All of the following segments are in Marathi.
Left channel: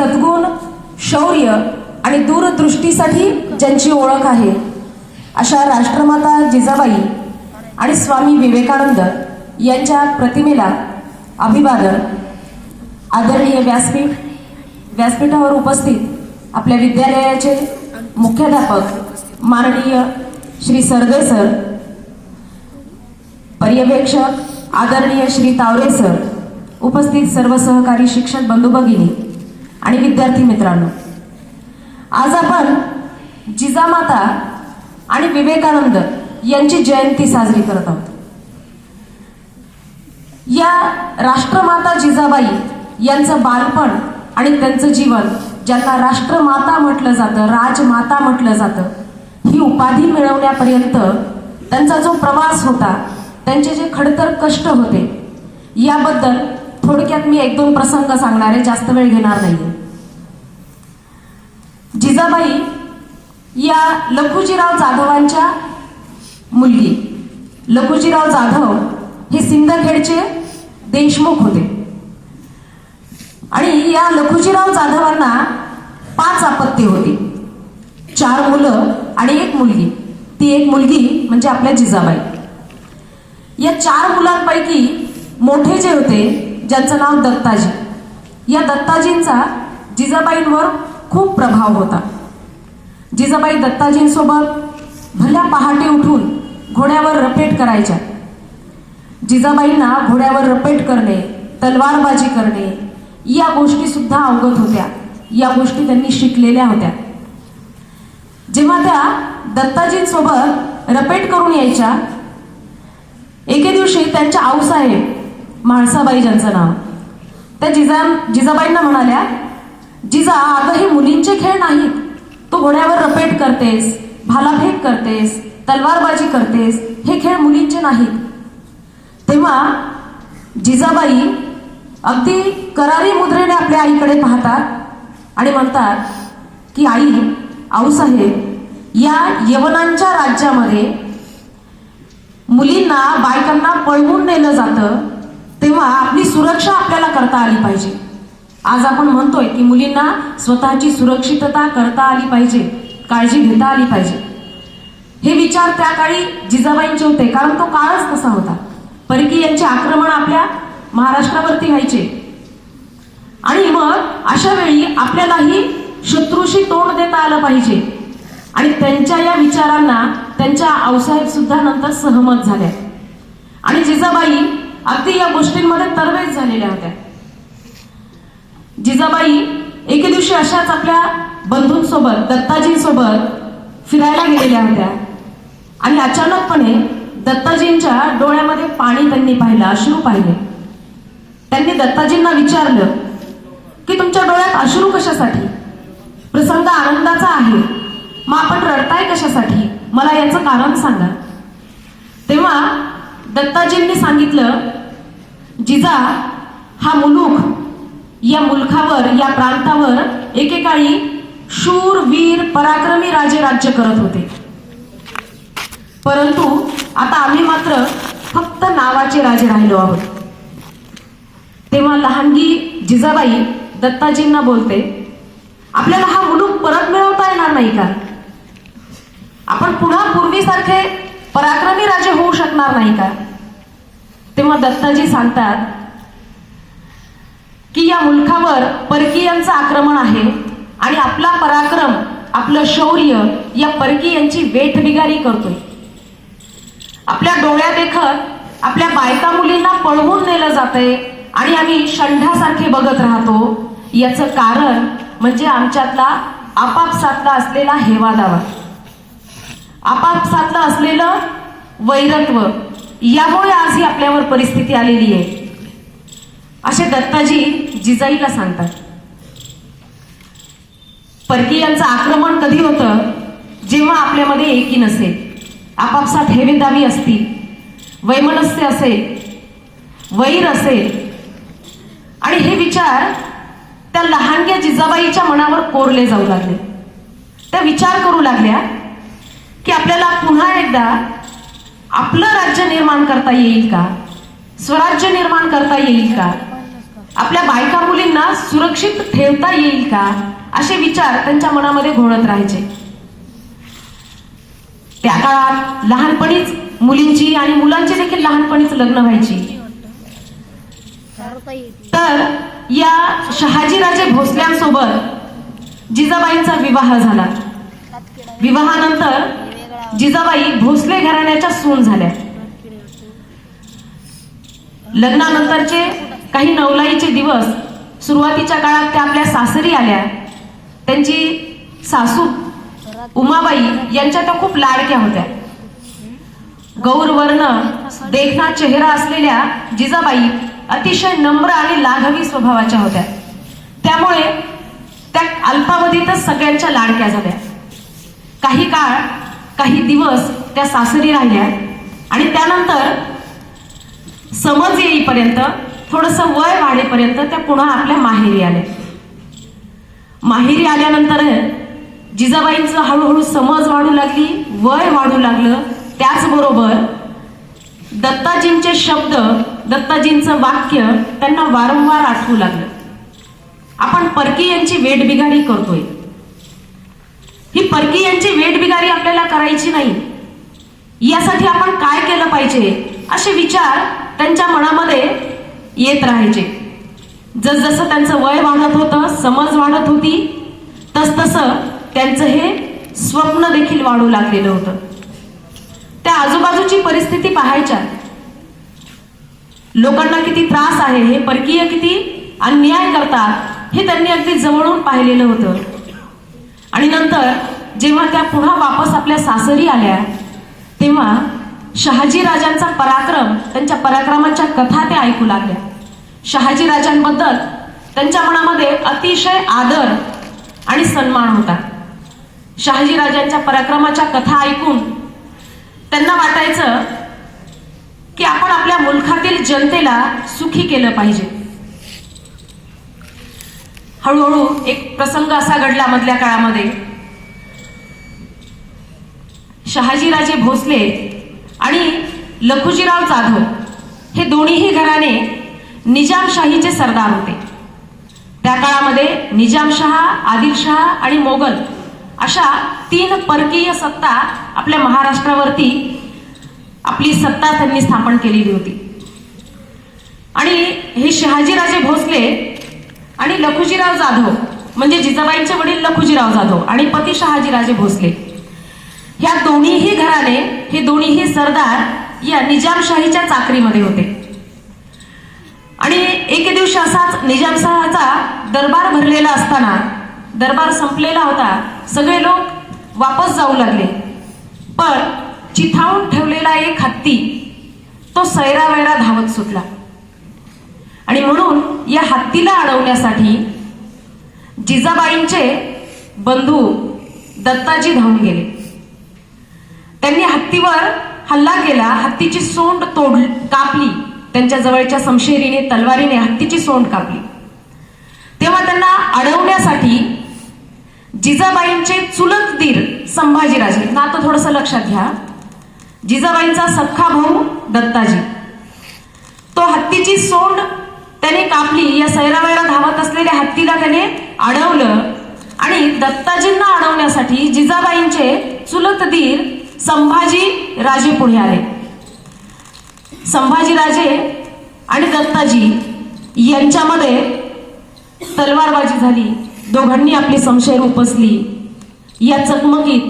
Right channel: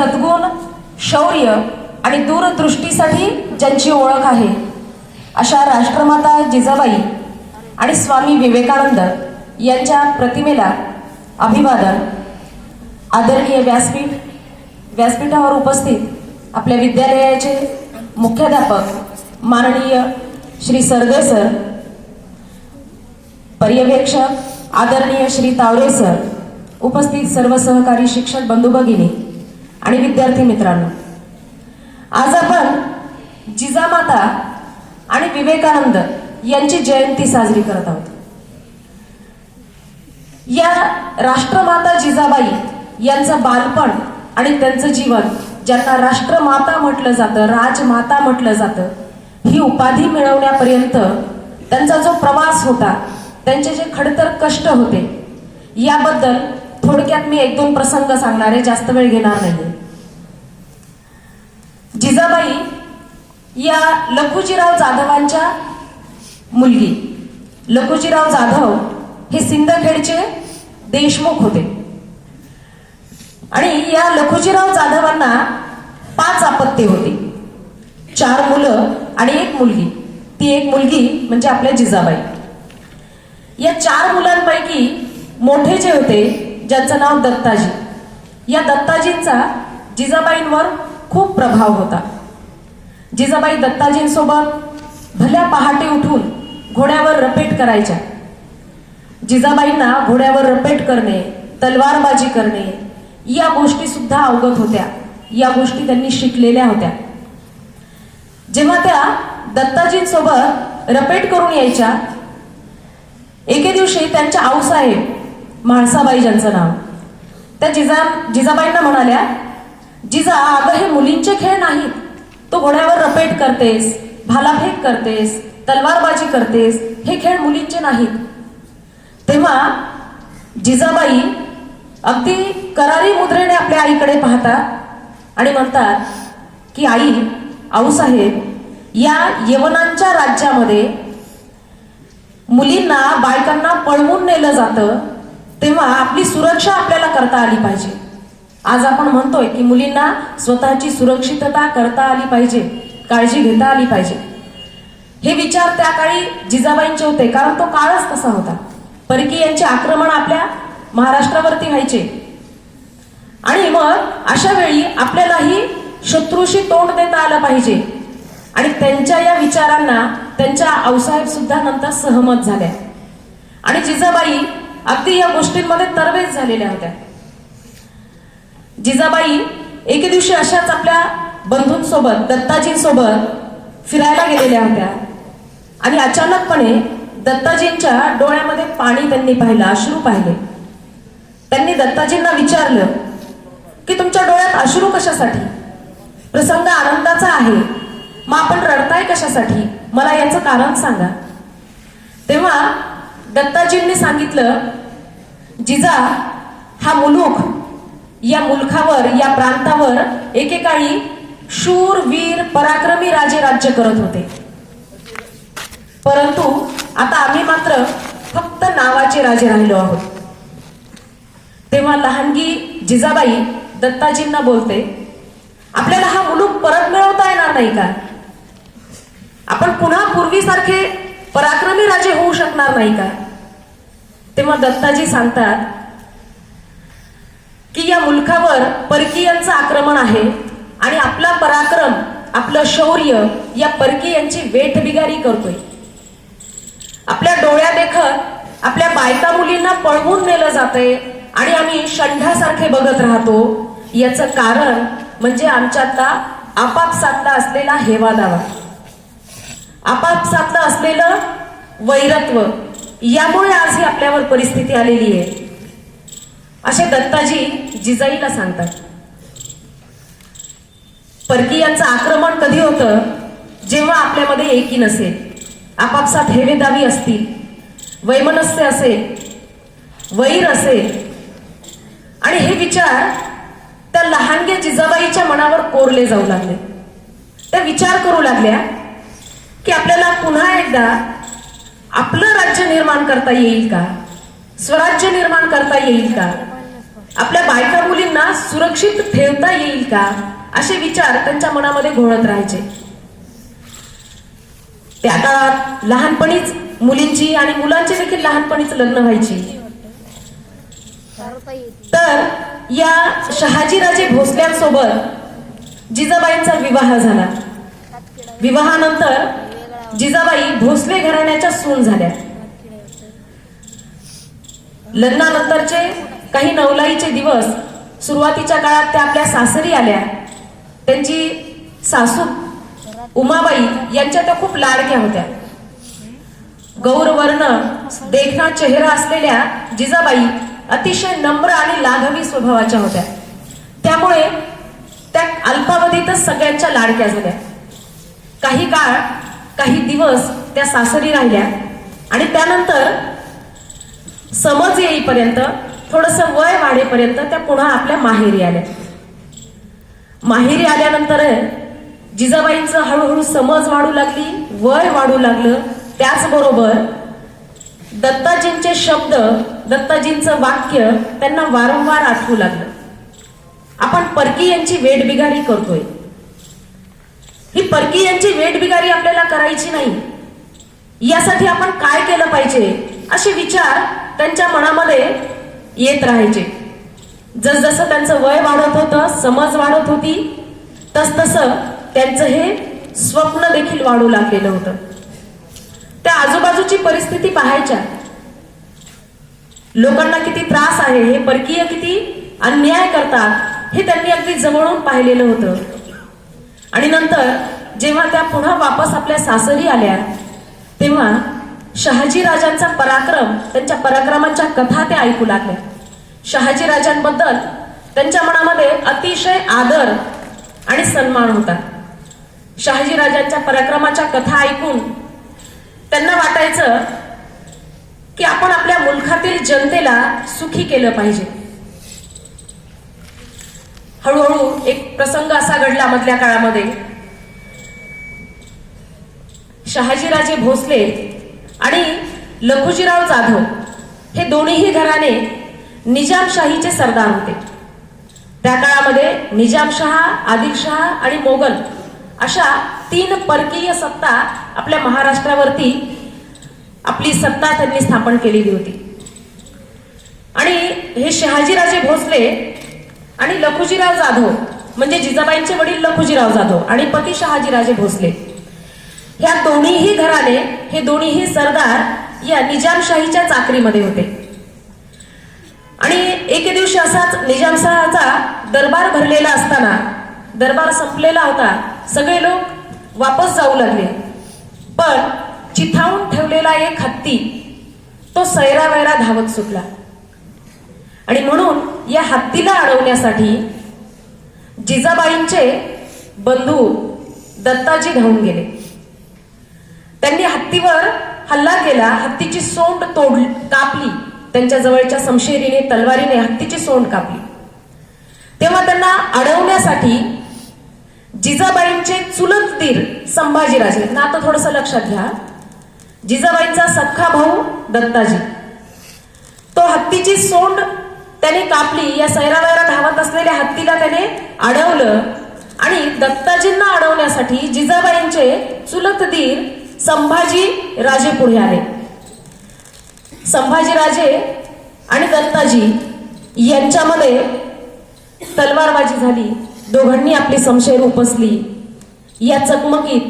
सद्गुण, शौर्य आणि दूरदृष्टीसाठी ज्यांची ओळख आहे अशा राष्ट्रमाता जिजाबाई आणि स्वामी विवेकानंद यांच्या प्रतिमेला अभिवादन. आदरणीय व्यासपीठावर उपस्थित आपल्या विद्यालयाचे मुख्याध्यापक माननीय श्री सरदे सर, पर्यवेक्षक आदरणीय श्री तावरे सर, उपस्थित सर्व सहकारी शिक्षक बंधू भगिनी आणि विद्यार्थी मित्रांनो, आज आपण जिजामाता आणि विवेकानंद यांची जयंती साजरी करत आहोत. या राष्ट्रमाता जिजाबाई यांचं बालपण आणि त्यांचं जीवन, ज्यांना राष्ट्रमाता म्हटलं जातं, राजमाता म्हटलं जातं, ही उपाधी मिळवण्यापर्यंत त्यांचा जो प्रवास होता, त्यांचे जे खडतर कष्ट होते, याबद्दल थोडक्यात मी 1-2 प्रसंग सांगणार आहे, जास्त वेळ घेणार नाहीये. जिजाबाई या लखुजीराव जाधवांच्या मुलगी. लखुजीराव जाधव हे सिंदखेडचे देशमुख होते आणि या लखुजीराव जाधवांना 5 अपत्ये होती, 4 मुलं आणि 1 मुलगी. ती 1 मुलगी म्हणजे आपल्या जिजाबाई. या 4 मुलांपैकी मोठे जे होते, ज्यांचं नाव दत्ताजी, या दत्ताजींचा जिजाबाईंवर खूप प्रभाव होता. जिजाबाई दत्ताजींसोबत भल्या पहाटे उठून घोड्यावर रपेट करायच्या. जिजाबाईंना घोड्यावर रपेट करणे, तलवारबाजी करणे या गोष्टी सुद्धा अवगत होत्या. या गोष्टी त्यांनी शिकलेल्या होत्या. जेव्हा त्या दत्ताजींसोबत रपेट करून यायच्या, एके दिवशी त्यांच्या आऊसाहेब म्हाळसाबाई, ज्यांचं नाव, त्या जिजाबाईंना म्हणाल्या, जिजा, अगं हे मुलींचे खेळ नाहीत. तो घोड्यावर रपेट करतेस, भालाफेक करतेस, तलवारबाजी करतेस, हे खेळ मुलींचे नाहीत. तेव्हा जिजाबाई अगदी करारी मुद्रेने आपल्या आईकडे पाहतात आणि म्हणतात की आई, आऊसाहेब, या यवनांच्या राज्यामध्ये मुलींना, बायकांना पळवून नेलं जातं, तेव्हा आपली सुरक्षा आपल्याला करता आली पाहिजे. आज आपण म्हणतोय की मुलींना स्वतःची सुरक्षितता करता आली पाहिजे, काळजी घेता आली पाहिजे. हे विचार त्या काळी जिजाबाईंचे होते, कारण तो काळच तसा होता. परकीयांचे आक्रमण आपल्या महाराष्ट्रावरती व्हायचे आणि मग अशा वेळी आपल्यालाही शत्रूशी तोंड देता आलं पाहिजे. आणि त्यांच्या या विचारांना त्यांच्या आऊसाहेब सुद्धा नंतर सहमत झाल्या आणि जिजाबाई अगदी या गोष्टींमध्ये तरबेज झालेल्या होत्या. जिजाबाई एके दिवशी अशाच आपल्या बंधूंसोबत, दत्ताजींसोबत फिरायला गेलेल्या होत्या आणि अचानकपणे दत्ताजींच्या डोळ्यामध्ये पाणी त्यांनी पाहिलं, अश्रू पाहिले. त्यांनी दत्ताजींना विचारलं की तुमच्या डोळ्यात अश्रू कशासाठी? प्रसंग आनंदाचा आहे, मग आपण रडताय कशासाठी? मला याचं कारण सांगा. तेव्हा दत्ताजींनी सांगितलं, जिजा, हा मुलूक, या मुलखावर, या प्रांतावर एकेकाळी शूर, वीर, पराक्रमी राजे राज्य करत होते, परंतु आता आम्ही मात्र फक्त नावाचे राजे राहिलो आहोत. तेव्हा लहानगी जिजाबाई दत्ताजींना बोलते, आपल्याला हा मुलूक परत मिळवता येणार नाही का? आपण पुन्हा पूर्वीसारखे पराक्रमी राजे होऊ शकणार नाही का? तेव्हा दत्ताजी सांगतात की या मुलखावर परकीयांचं आक्रमण आहे आणि आपला पराक्रम, आपलं शौर्य या परकीयांची वेठबिगारी करतोय. आपल्या डोळ्यादेखत आपल्या बायका मुलींना पळवून नेलं जातंय आणि आम्ही षंढासारखे बघत राहतो. याचं कारण म्हणजे आमच्यातला आपापसातला असलेला हेवादावा, आपापसातलं असलेलं वैरत्व, यामुळे आज ही आपल्यावर परिस्थिती आलेली आहे, असे दत्ताजी जिजाईला सांगतात. परकीयांचं आक्रमण कधी होतं? जेव्हा आपल्यामध्ये एकी नसेल, आपापसात हेवेदावी असतील, वैमनस्य असेल, वैर असेल. आणि हे विचार त्या लहानग्या जिजाबाईच्या मनावर कोरले जाऊ लागले. त्या विचार करू लागल्या की आपल्याला पुन्हा एकदा आपलं राज्य निर्माण करता येईल का? स्वराज्य निर्माण करता येईल का? आपल्या बायका मुलींना सुरक्षित ठेवता येईल का, असे विचार त्यांच्या मनामध्ये घोळत राहायचे. त्या काळात लहानपणीच मुलींची आणि मुलांची देखील लहानपणीच लग्न व्हायची. तर या शहाजीराजे भोसल्यांसोबत जिजाबाईंचा विवाह झाला. विवाहानंतर जिजाबाई भोसले घराण्याच्या सून झाल्या. लग्नानंतरचे काही नवलाईचे दिवस सुरुवातीच्या काळात त्या आपल्या सासरी आल्या. त्यांची सासू उमाबाई यांच्या त्या खूप लाडक्या होत्या. गौरवर्ण देखणा चेहरा असलेल्या जिजाबाई अतिशय नम्र आणि लाघवी स्वभावाच्या होत्या. त्यामुळे त्या अल्पावधीतच सगळ्यांच्या लाडक्या झाल्या. काही काळ, काही दिवस त्या सासरी राहिल्या आणि त्यानंतर समज येईपर्यंत, थोडस वय वाढेपर्यंत त्या पुन्हा आपल्या माहेरी आल्या. माहेरी आल्यानंतर जिजाबाईंचं हळूहळू समज वाढू लागली, वय वाढू लागलं. त्याचबरोबर दत्ताजींचे शब्द, दत्ताजींचं वाक्य त्यांना वारंवार आठवू लागलं. आपण परकीयांची वेठबिगारी करतोय. ही परकीयांची वेठबिगारी आपल्याला करायची नाही. यासाठी आपण काय केलं पाहिजे, असे विचार त्यांच्या मनामध्ये येत राहायचे. जसजसं त्यांचं वय वाढत होतं, समज वाढत होती, तसतसं त्यांचं हे स्वप्न देखील वाढू लागलेलं होतं. त्या आजूबाजूची परिस्थिती पाहायच्या. लोकांना किती त्रास आहे, हे परकीय किती अन्याय करतात, हे त्यांनी अगदी जवळून पाहिलेलं होतं. आणि नंतर जेव्हा त्या पुन्हा वापस आपल्या सासरी आल्या, तेव्हा शहाजी राजांचा पराक्रम, त्यांच्या पराक्रमाच्या कथा त्या ऐकू लागल्या. शहाजी राजांबद्दल त्यांच्या मनामध्ये अतिशय आदर आणि सन्मान होता. शहाजी राजांच्या पराक्रमाच्या कथा ऐकून त्यांना वाटायचं की आपण आपल्या मुलखातील जनतेला सुखी केलं पाहिजे. हळूहळू एक प्रसंग असा घडला मधल्या काळामध्ये. शहाजीराजे भोसले आणि लखुजीराव जाधव हे दोन्हीही घराणे निजामशाहीचे सरदार होते. त्या काळामध्ये निजामशहा, आदिलशहा आणि मोगल अशा 3 परकीय सत्ता आपल्या महाराष्ट्रावरती आपली सत्ता त्यांनी स्थापन केलेली होती. आणि हे शहाजीराजे भोसले आणि लखुजीराव जाधव, म्हणजे जिजाबाईंचे वडील लखुजीराव जाधव आणि पती शहाजीराजे भोसले, ह्या दोन्हीही घराणे, हे दोन्हीही सरदार या निजामशाहीच्या चाकरीमध्ये होते. आणि एके दिवशी असाच निजामशहाचा दरबार भरलेला असताना, दरबार संपलेला होता, सगळे लोक वापस जाऊ लागले. पण चिथावून ठेवलेला एक हत्ती तो सैरावैरा धावत सुटला. आणि म्हणून या हत्तीला अडवण्यासाठी जिजाबाईंचे बंधू दत्ताजी धावून गेले. त्यांनी हत्तीवर हल्ला केला, हत्तीची सोंड कापली. त्यांच्या जवळच्या समशेरीने, तलवारीने हत्तीची सोंड कापली. तेव्हा त्यांना अडवण्यासाठी जिजाबाईंचे चुलत दीर संभाजीराजे, नातं थोडस लक्षात घ्या, जिजाबाईंचा सख्खा भाऊ दत्ताजी, तो हत्तीची सोंड त्याने कापली. या सैरावैरा धावत असलेल्या हत्तीला त्याने अडवलं आणि दत्ताजींना अडवण्यासाठी जिजाबाईंचे चुलत दीर संभाजी राजे पुढे आले. संभाजीराजे आणि दत्ताजी यांच्यामध्ये तलवारबाजी झाली. दोघांनी आपली समशेर उपसली. या चकमकीत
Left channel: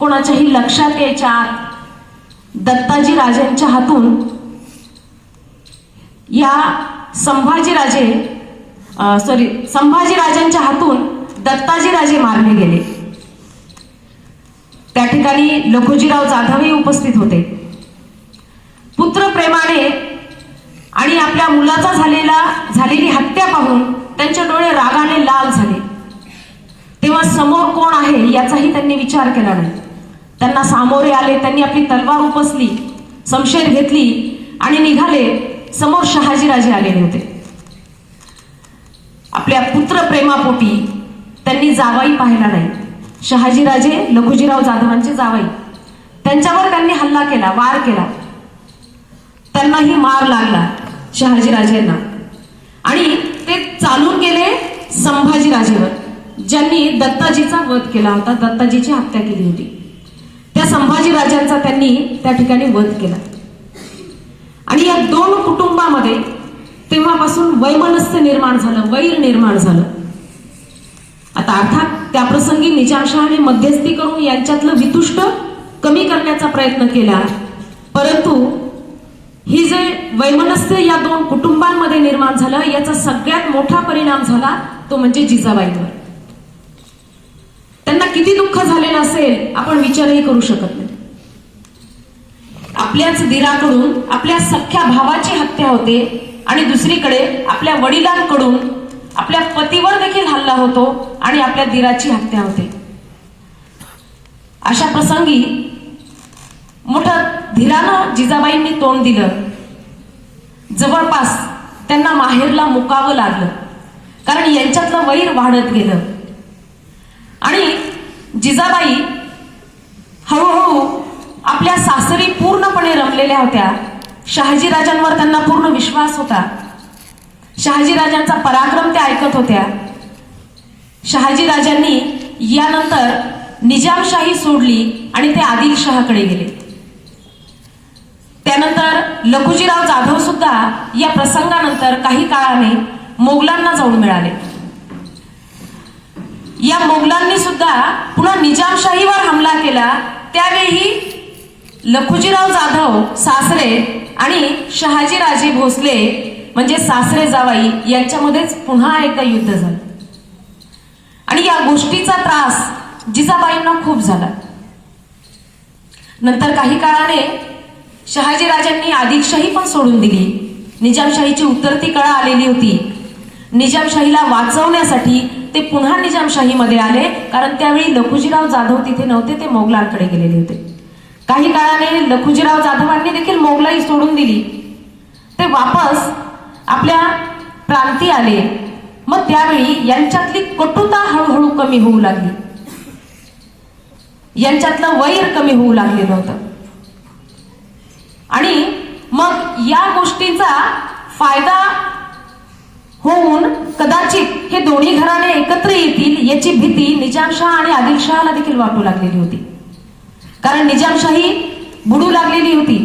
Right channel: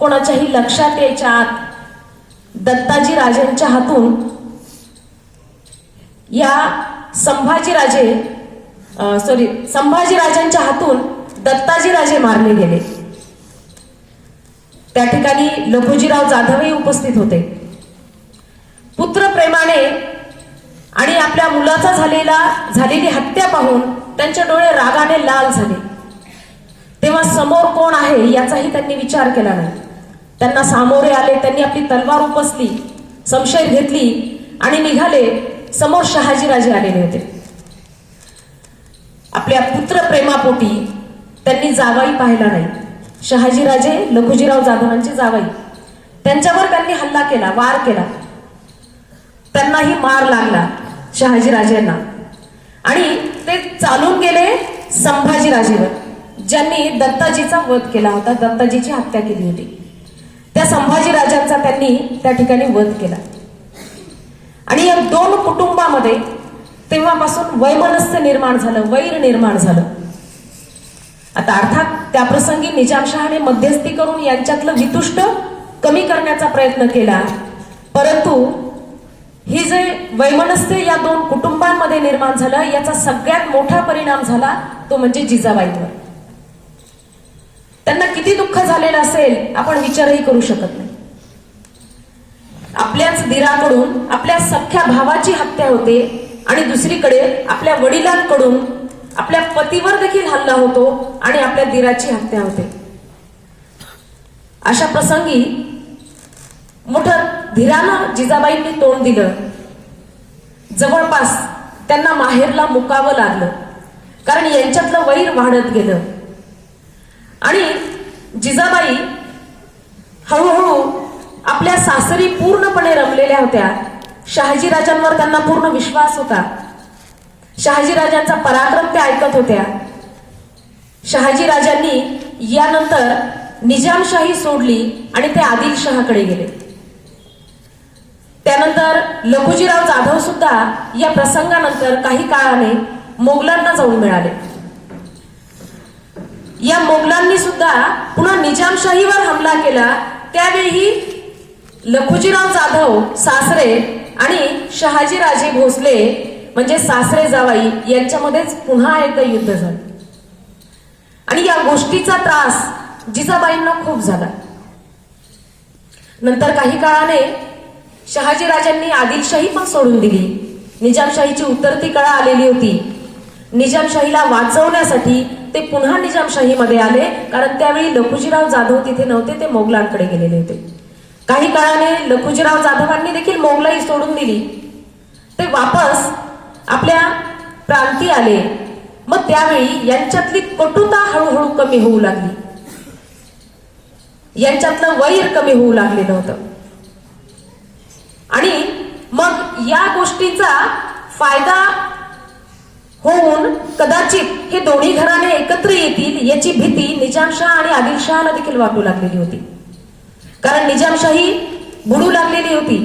कोणाच्याही लक्षात यायच्या आत दत्ताजी राजांच्या हातून या संभाजीराजांच्या हातून दत्ताजी राजे मारले गेले. त्या ठिकाणी लखुजीराव जाधवही उपस्थित होते. पुत्रप्रेमाने आणि आपल्या मुलाचा झालेली हत्या पाहून त्यांचे डोळे रागाने लाल झाले. तेव्हा समोर कोण आहे याचाही त्यांनी विचार केला नाही. त्यांना सामोरे आले. त्यांनी आपली तलवार उपसली, समशेर घेतली आणि निघाले. समोर शहाजीराजे आलेले होते. आपल्या पुत्रप्रेमापोटी त्यांनी जावाई पाहिला नाही. शहाजीराजे लखुजीराव जाधवांचे जावाई, त्यांच्यावर त्यांनी हल्ला केला, वार केला. त्यांनाही मार लागला शहाजीराजेंना आणि ते चालून गेले संभाजीराजेवर, ज्यांनी दत्ताजीचा वध केला होता, दत्ताजीची हत्या केली होती. त्या संभाजीराजांचा त्यांनी त्या ठिकाणी वध केला. आणि या दोन कुटुंबामध्ये तेव्हापासून वैमनस्य निर्माण झालं, वैर निर्माण झालं. आता अर्थात त्या प्रसंगी निजामशहाने मध्यस्थी करून यांच्यातलं वितुष्ट कमी करण्याचा प्रयत्न केला, परंतु ही जे वैमनस्य या दोन कुटुंबांमध्ये निर्माण झालं, याचा सगळ्यात मोठा परिणाम झाला तो म्हणजे जिजाबाईंवर. त्यांना किती दुःख झालेलं असेल आपण विचारही करू शकत नाही. आपल्याच दीराकडून आपल्या सख्ख्या भावाची हत्या होते आणि दुसरीकडे आपल्या वडिलांकडून आपल्या पतीवर देखील हल्ला होतो आणि आपल्या दीराची हत्या होते. अशा प्रसंगी मोठं धीरानं जिजाबाईंनी तोंड दिलं. जवळपास त्यांना माहेरला मुकावं लागलं, कारण यांच्यातलं वैर वाढत गेलं. आणि जिजाबाई हळूहळू आपल्या सासरी पूर्णपणे रमलेल्या होत्या. शहाजीराजांवर त्यांना पूर्ण विश्वास होता. शहाजीराजांचा पराक्रम त्या ऐकत होत्या. शहाजीराजांनी यानंतर निजामशाही सोडली आणि ते आदिलशहाकडे गेले. त्यानंतर लखुजीराव जाधव सुद्धा या प्रसंगानंतर काही काळाने मोगलांना जाऊन मिळाले. या मोगलांनी सुद्धा पुन्हा निजामशाहीवर हमला केला. त्यावेळी लखुजीराव जाधव सासरे आणि शहाजीराजे भोसले म्हणजे सासरे जावाई यांच्यामध्येच पुन्हा एकदा युद्ध झालं. आणि या गोष्टीचा त्रास जिजाबाईंना खूप झाला. नंतर काही काळाने शहाजीराजांनी आदिलशाही पण सोडून दिली. निजामशाहीची उतरती कळा आलेली होती. निजामशाहीला वाचवण्यासाठी ते पुन्हा निजामशाहीमध्ये आले, कारण त्यावेळी लखुजीराव जाधव तिथे नव्हते, ते मोगलांकडे गेलेले होते. काही काळाने लखुजीराव जाधवांनी देखील मोगलाई सोडून दिली. ते वापस आपल्या प्रांती आले. मग त्यावेळी यांच्यातली कटुता हळूहळू कमी होऊ लागली, यांच्यातलं वैर कमी होऊ लागलेलं होतं. आणि मग या गोष्टीचा फायदा होऊन कदाचित हे दोन्ही घराणे एकत्र येतील याची भीती निजामशाह आणि आदिलशहाला देखील वाटू लागलेली होती, कारण निजामशाही बुडू लागलेली होती.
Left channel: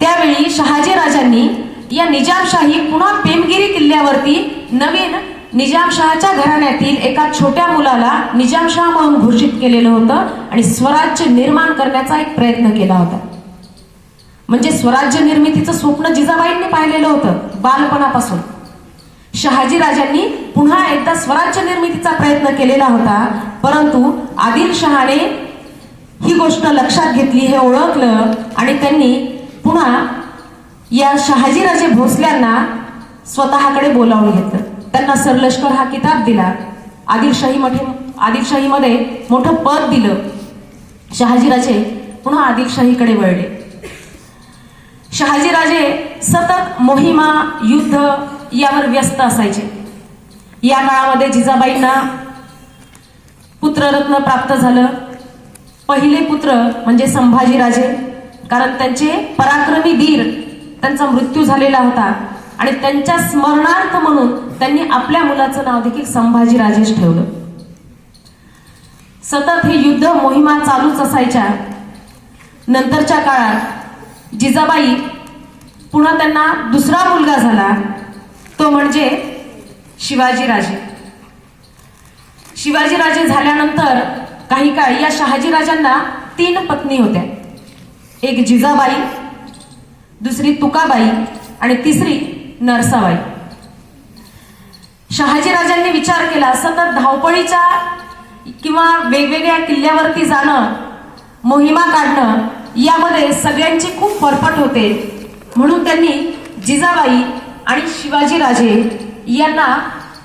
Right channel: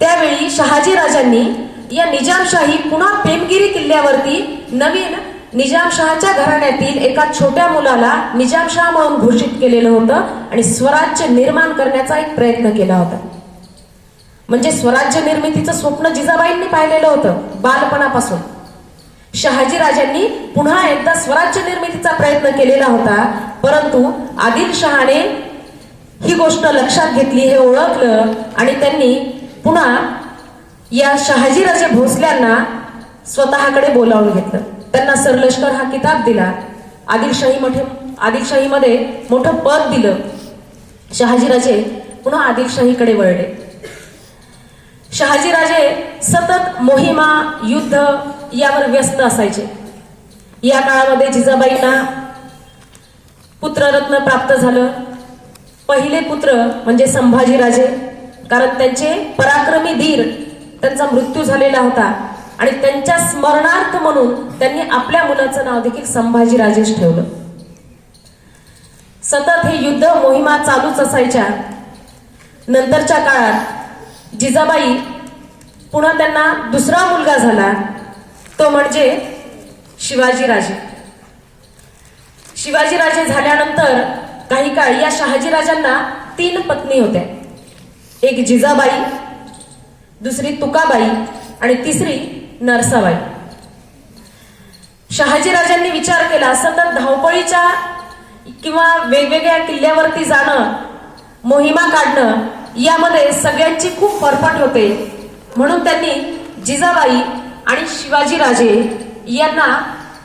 त्यावेळी शहाजीराजांनी या निजामशाही पुन्हा पेमगिरी किल्ल्यावरती नवीन निजामशहाच्या घराण्यातील एका छोट्या मुलाला निजामशाह म्हणून घोषित केलेलं होतं आणि स्वराज्य निर्माण करण्याचा एक प्रयत्न केला होता. म्हणजे स्वराज्य निर्मितीचं स्वप्न जिजाबाईंनी पाहिलेलं होतं बालपणापासून. शहाजीराजांनी पुन्हा एकदा स्वराज्य निर्मितीचा प्रयत्न केलेला होता, परंतु आदिलशहाने ही गोष्ट लक्षात घेतली, हे ओळखलं आणि त्यांनी पुन्हा या शहाजीराजे भोसल्यांना स्वतःकडे बोलावून घेतलं. त्यांना सरलष्कर हा किताब दिला. आदिलशाहीमध्ये मोठं पद दिलं. शहाजीराजे पुन्हा आदिलशाहीकडे वळले. शहाजीराजे सतत मोहिमा, युद्ध यावर व्यस्त असायचे. या काळामध्ये जिजाबाईंना पुत्ररत्न प्राप्त झालं. पहिले पुत्र म्हणजे संभाजीराजे, कारण त्यांचे पराक्रमी धीर त्यांचा मृत्यू झालेला होता आणि त्यांच्या स्मरणार्थ म्हणून त्यांनी आपल्या मुलाचं नाव देखील संभाजीराजेच ठेवलं. सतत हे युद्ध मोहिमा चालूच असायच्या. नंतरच्या काळात जिजाबाई पुन्हा त्यांना दुसरा मुलगा झाला, तो म्हणजे शिवाजीराजे. शिवाजीराजे झाल्यानंतर काही काळ या शहाजीराजांना 3 पत्नी होत्या. एक जिजाबाई, दुसरी तुकाबाई आणि तिसरी नरसाबाई. शहाजीराजांनी विचार केला, सतत धावपळीच्या किंवा वेगवेगळ्या किल्ल्यावरती जाणं, मोहिमा काढणं यामध्ये सगळ्यांची खूप फरफट होते. म्हणून त्यांनी जिजाबाई आणि शिवाजीराजे यांना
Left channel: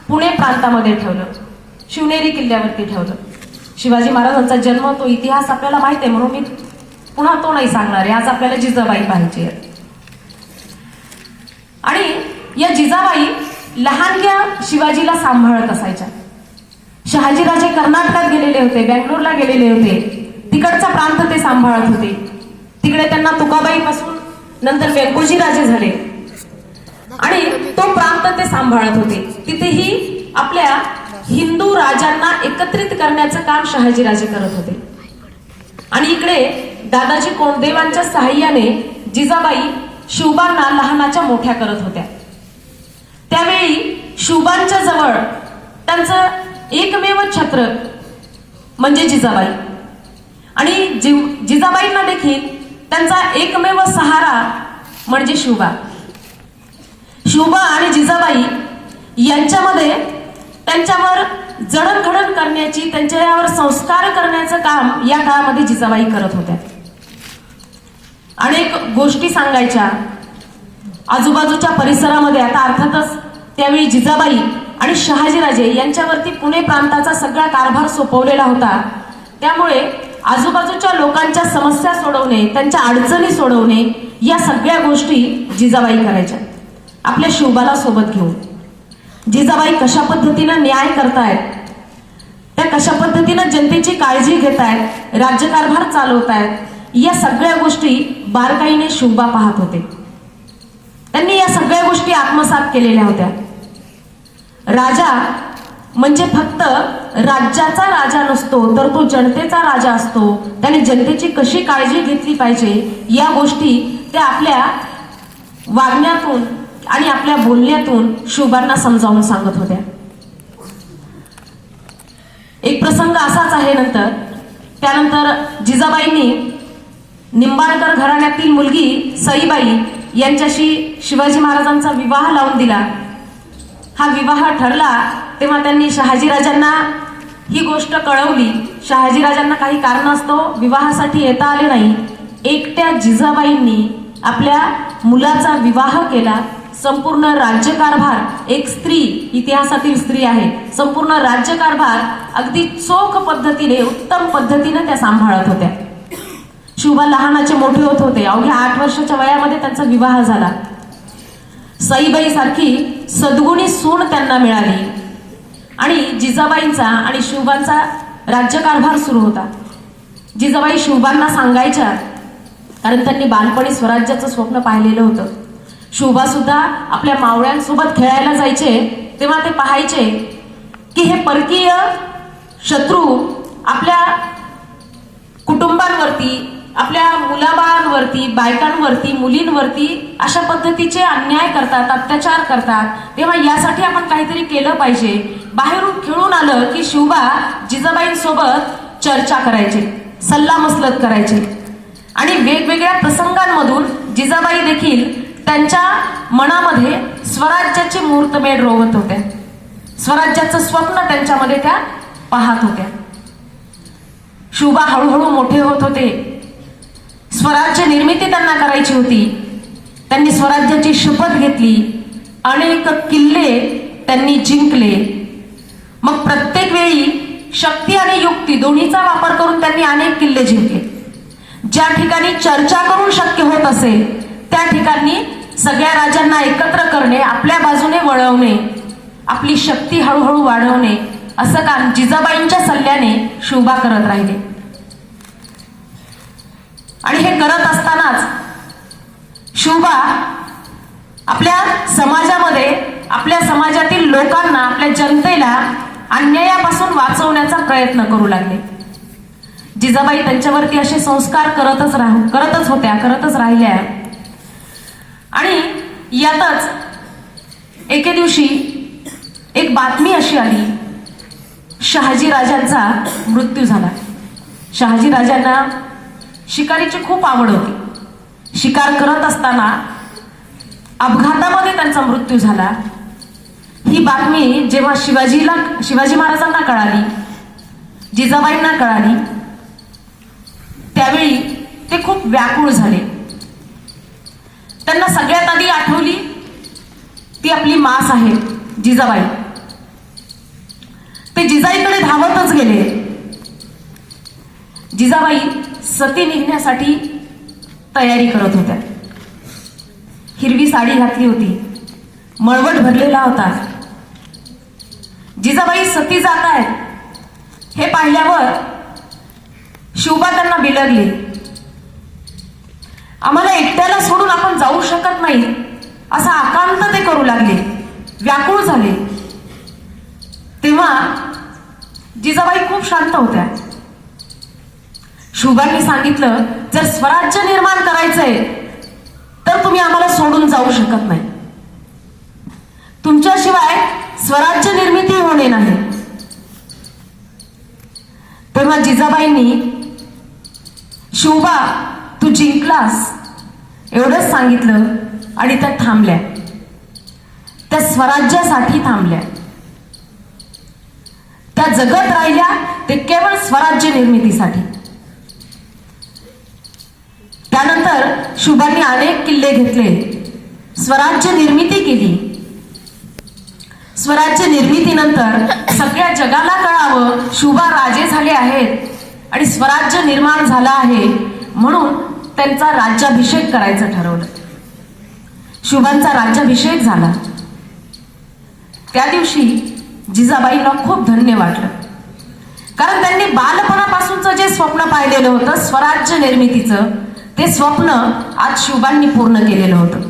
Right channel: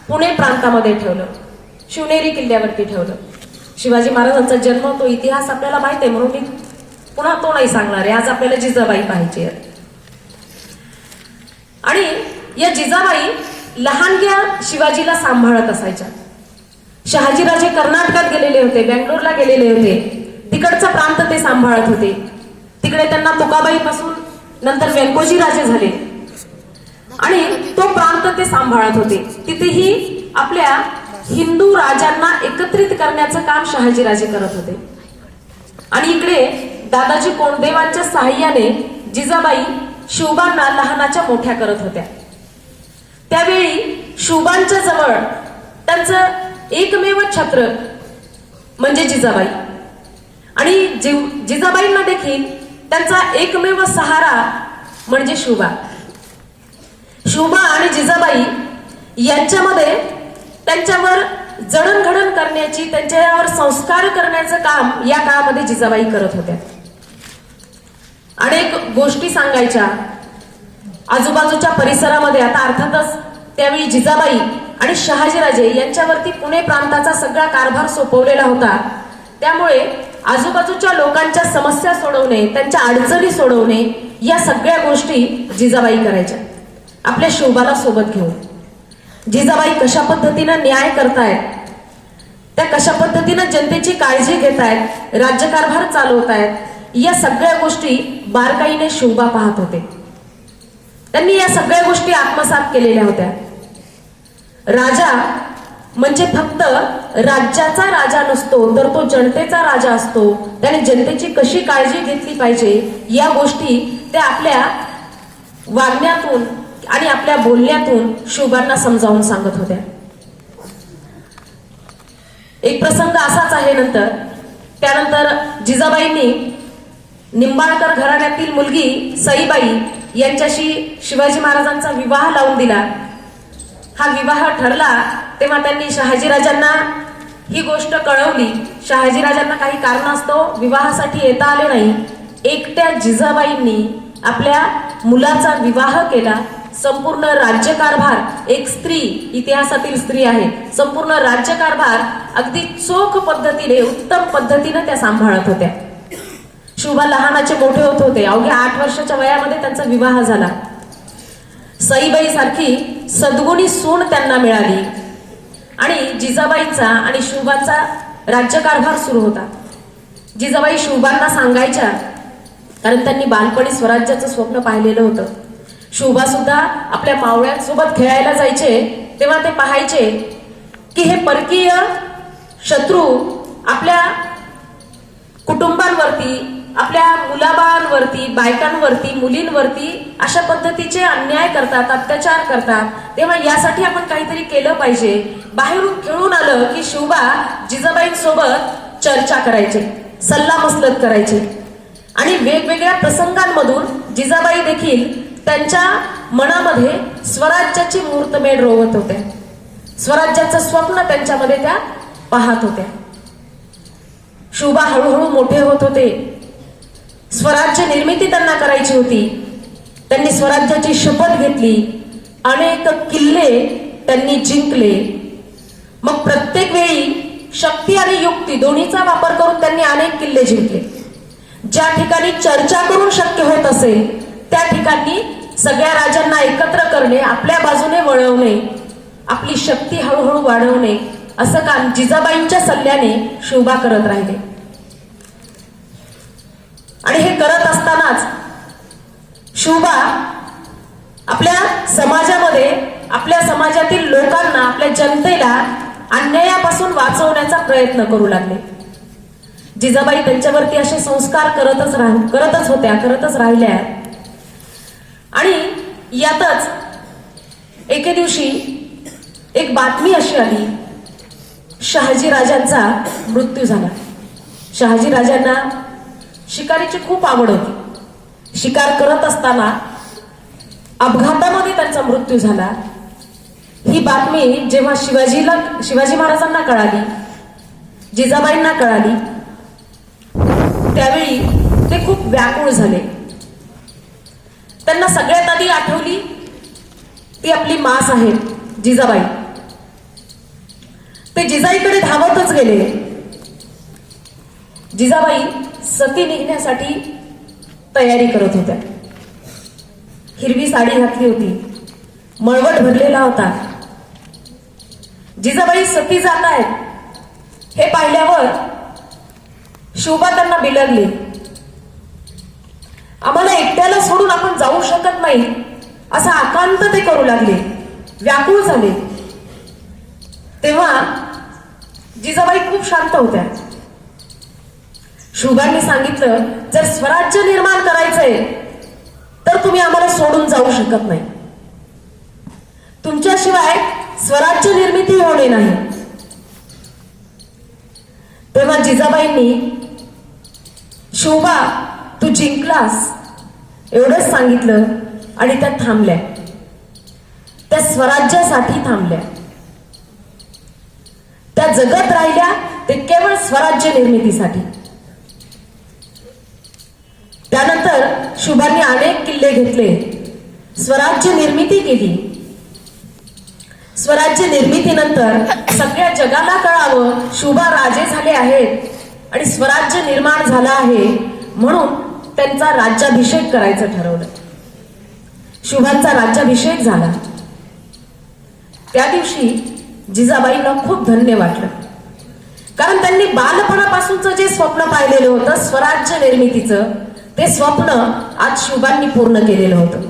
पुणे प्रांतामध्ये ठेवलं, शिवनेरी किल्ल्यावरती ठेवलं. शिवाजी महाराजांचा जन्म, तो इतिहास आपल्याला माहित आहे, म्हणून मी पुन्हा तो नाही सांगणार आहे. आज आपल्याला जिजाबाई पाहिजे. आणि या जिजाबाई लहानग्या शिवाजीला सांभाळत असायच्या. शहाजीराजे कर्नाटकात गेलेले होते, बँगलोरला गेलेले होते, तिकडचा प्रांत ते सांभाळत होते. तिकडे त्यांना तुकाबाई पासून नंतर व्यंकोजी राजे झाले आणि तो प्रांत होतं ते सांभाळत होते. तिथेही आपल्या हिंदू राजांना एकत्रित करण्याचं काम शहाजीराजे करत होते. आणि इकडे दादाजी कोंडदेवांच्या सहाय्याने जिजाबाई शिवबांना लहानाच्या मोठ्या करत होत्या. त्यावेळी शिवबांच्या जवळ त्यांचं एकमेव छत्र म्हणजे जिजाबाई, आणि जिजाबाईंना देखील त्यांचा एकमेव सहारा म्हणजे शिवबा. शिवबा आणि जिजाबाई यांच्यामध्ये त्यांच्यावर जडणघडण करण्याची, त्यांच्यावर संस्कार करण्याचं काम या काळामध्ये जिजाबाई करत होत्या. अनेक गोष्टी सांगायच्या आजूबाजूच्या परिसरामध्ये. आता अर्थातच त्यावेळी जिजाबाई आणि शहाजीराजे यांच्यावरती पुणे प्रांताचा सगळा कारभार सोपवलेला होता. त्यामुळे आजूबाजूच्या लोकांच्या समस्या सोडवणे, त्यांच्या अडचणी सोडवणे, या सगळ्या गोष्टी जिजाबाई करायच्या आपल्या शिवबाला सोबत घेऊन. जिजाबाई कशा पद्धतीनं न्याय करतायत, त्या कशा पद्धतीनं जनतेची काळजी घेतायत, राज्यकारभार चालवतायत, या सगळ्या गोष्टी बारकाईने शिवबा पाहत होते. त्यांनी या सगळ्या गोष्टी आत्मसात केलेल्या होत्या. राजा म्हणजे फक्त राज्याचा राजा नसतो, तर तो जनतेचा राजा असतो. त्याने जनतेची कशी काळजी घेतली पाहिजे या गोष्टी त्या आपल्या वागण्यातून आणि आपल्या बोलण्यातून शिवबांना समजावून सांगत होत्या. एक प्रसंग असाच आहे. त्यानंतर जिजाबाईंनी निंबाळकर घराण्यातील मुलगी सईबाई यांच्याशी शिवाजी महाराजांचा विवाह लावून दिला. हा विवाह ठरला तेव्हा त्यांनी शहाजीराजांना ही गोष्ट कळवली. शहाजीराजांना काही कारणास्तव विवाहासाठी येता आले नाही. एकट्या जिजाबाईंनी आपल्या मुलाचा विवाह केला. संपूर्ण राज्यकारभार, एक स्त्री, इतिहासातील स्त्री आहे, संपूर्ण राज्यकारभार अगदी चोख पद्धतीने, उत्तम पद्धतीने त्या सांभाळत होत्या. शिवबा लहानाचे मोठे होत होते. अवघ्या 8 वर्षाच्या वयामध्ये त्यांचा विवाह झाला. सईबाई सारखी सद्गुणी सून त्यांना मिळाली आणि जिजाबाईंचा आणि शिवबांचा राज्यकारभार सुरू होता. जिजाबाई शिवबांना सांगायच्या, कारण त्यांनी बालपणी स्वराज्याचं स्वप्न पाहिलेलं होतं. शिवबा सुद्धा आपल्या मावळ्यांसोबत खेळायला जायचे तेव्हा ते पाहायचे की हे परकीय शत्रू आपल्या कुटुंबांवरती, आपल्या मुलाबाळांवरती, बायकांवरती, मुलींवरती अशा पद्धतीचे अन्याय करतात, अत्याचार करतात. तेव्हा यासाठी आपण काहीतरी केलं पाहिजे. बाहेरून खेळून आलं की शिवबा जिजाबाईंसोबत चर्चा करायचे, सल्लामसलत करायचे आणि वेगवेगळ्या प्रसंगांमधून जिजाबाई देखील त्यांच्या मनामध्ये स्वराज्याची मुहूर्तमेढ रोवत होत्या. स्वराज्याचं स्वप्न त्यांच्यामध्ये त्या पाहत होत्या. शिवबा हळूहळू मोठे होत होते. स्वराज्य निर्मिती त्यांना करायची होती. त्यांनी स्वराज्याची शपथ घेतली. अनेक किल्ले त्यांनी जिंकले. मग प्रत्येक वेळी शक्ती आणि युक्ती दोन्हीचा वापर करून त्यांनी अनेक किल्ले जिंकले. ज्या ठिकाणी चर्चा करून शक्य होत असेल त्या ठिकाणी सगळ्या राजांना एकत्र करणे, आपल्या बाजूने वळवणे, आपली शक्ती हळूहळू वाढवणे, असं काम जिजाबाईंच्या सल्ल्याने शिवबा करत राहिले. आणि हे करत असतानाच शिवबा आपल्या समाजामध्ये, आपल्या समाजातील लोकांना, आपल्या जनतेला अन्यायापासून वाचवण्याचा प्रयत्न करू लागले. जिजाबाई त्यांच्यावरती असे संस्कार करतच राहिल्या. आणि यातच एके दिवशी एक बातमी अशी आली, शहाजीराजांचा मृत्यू झाला. शहाजीराजांना शिकारीची खूप आवड होती. शिकार करत असताना अपघातामध्ये त्यांचा मृत्यू झाला. ही बातमी जेव्हा शिवाजी महाराजांना कळाली, जिजाबाईंना कळाली, त्यावेळी ते खूप व्याकुळ झाले. त्यांना सगळ्यात आधी आठवली ती आपली मास आहे जिजाबाई. ते जिजाईकडे धावतच गेले. जिजाबाई सती निघण्यासाठी तयारी करत होत्या. हिरवी साडी घातली होती, मळवट भरलेला होता. जिजाबाई सती जात आहेत हे पाहिल्यावर शिवबा त्यांना बिलगले. आम्हाला एकट्याला सोडून आपण जाऊ शकत नाही, असा आकांत ते करू लागले. व्याकुळ झाले तेव्हा जिजाबाई खूप शांत होत्या. शुभांनी सांगितलं, जर स्वराज्य निर्माण करायचंय तर तुम्ही आम्हाला सोडून जाऊ शकत नाही. तुमच्याशिवाय स्वराज्य निर्मिती होणे नाही. तेव्हा जिजाबाईंनी, शोभा तू जिंकलास एवढंच सांगितलं आणि त्या थांबल्या. त्या स्वराज्यासाठी थांबल्या. त्या जगत राहिल्या ते केवळ स्वराज्य निर्मितीसाठी. त्यानंतर शुभांनी अनेक किल्ले घेतले, स्वराज्य निर्मिती केली. स्वराज्य निर्मितीनंतर सगळ्या जगाला कळावं शुभा राजे झाले आहेत आणि स्वराज्य निर्माण झालं आहे, म्हणून त्यांचा राज्याभिषेक करायचं ठरवलं. शुभांचा राज्याभिषेक झाला. त्या दिवशी जिजाबाईंना खूप धन्य वाटलं, कारण त्यांनी बालपणापासूनचं जे स्वप्न पाहिलेलं होतं स्वराज्य निर्मितीचं, ते स्वप्न आज शुभांनी पूर्ण केलेलं होतं.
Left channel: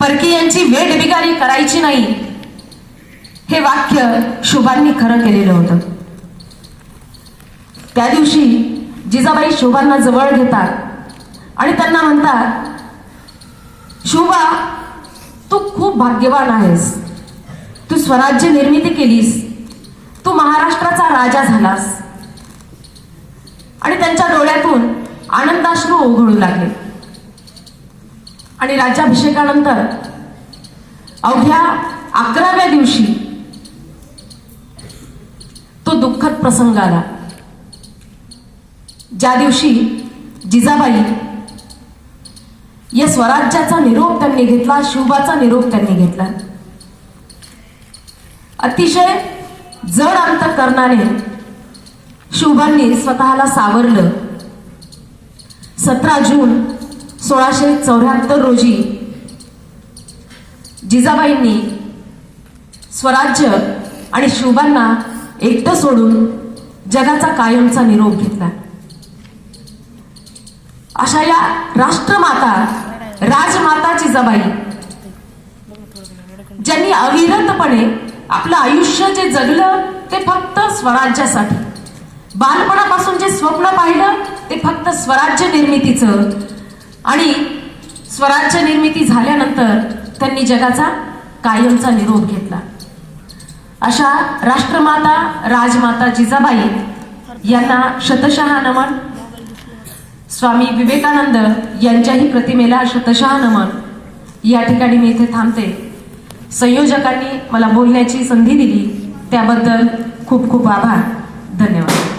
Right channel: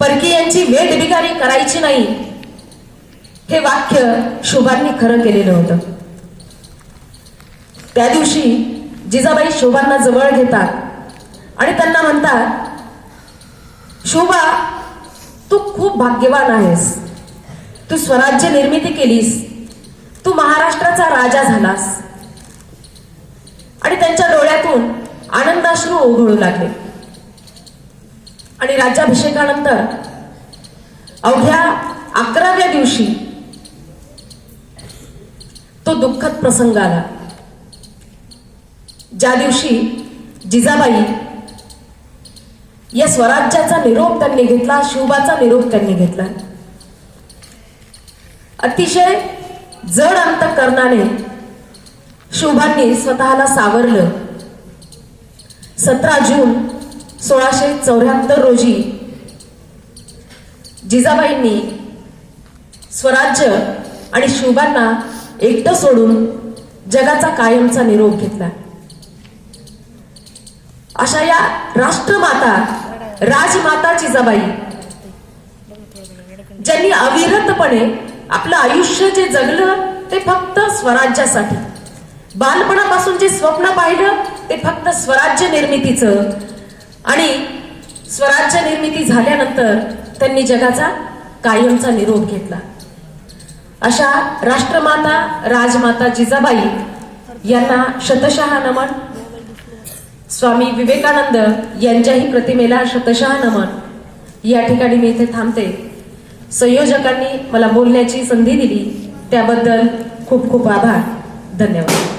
परकीयांची वेठबिगारी करायची नाही हे वाक्य शुभांनी खरं केलेलं होतं. त्या दिवशी जिजाबाई शोभांना जवळ घेतात आणि त्यांना म्हणतात, शोभा तू खूप भाग्यवान आहेस. तू स्वराज्य निर्मिती केलीस. तू महाराष्ट्राचा राजा झालास. आणि त्यांच्या डोळ्यातून आनंदाश्रू ओघळू लागले. आणि राज्याभिषेकानंतर अवघ्या 11व्या दिवशी तो दुःखद प्रसंग आला, ज्या दिवशी जिजाबाई या स्वराज्याचा निरोप त्यांनी घेतला, शुभाचा निरोप त्यांनी घेतला. अतिशय जड अंतःकरणाने शुभांनी स्वतःला सावरलं. 17 जून 1674 रोजी जिजाबाईंनी स्वराज्य आणि शुभांना एकटं सोडून जगाचा कायमचा निरोप घेतला. अशा या राष्ट्रमाता, राजमाता जिजाबाई, ज्यांनी अविरतपणे आपलं आयुष्य जे जगलं ते फक्त स्वराज्यासाठी, बालपणापासून जे स्वप्न पाहिलं ते फक्त स्वराज्य निर्मितीचं, आणि स्वराज्य निर्मिती झाल्यानंतर त्यांनी जगाचा कायमचा निरोप घेतला. अशा राष्ट्रमाता, राजमाता जिजाबाई यांना शतशः नमन. स्वामी विवेकानंद यांच्याही प्रतिमेला शतशः नमन. या ठिकाणी मी इथे थांबते. संयोजकांनी मला बोलण्याची संधी दिली त्याबद्दल खूप खूप आभार. धन्यवाद.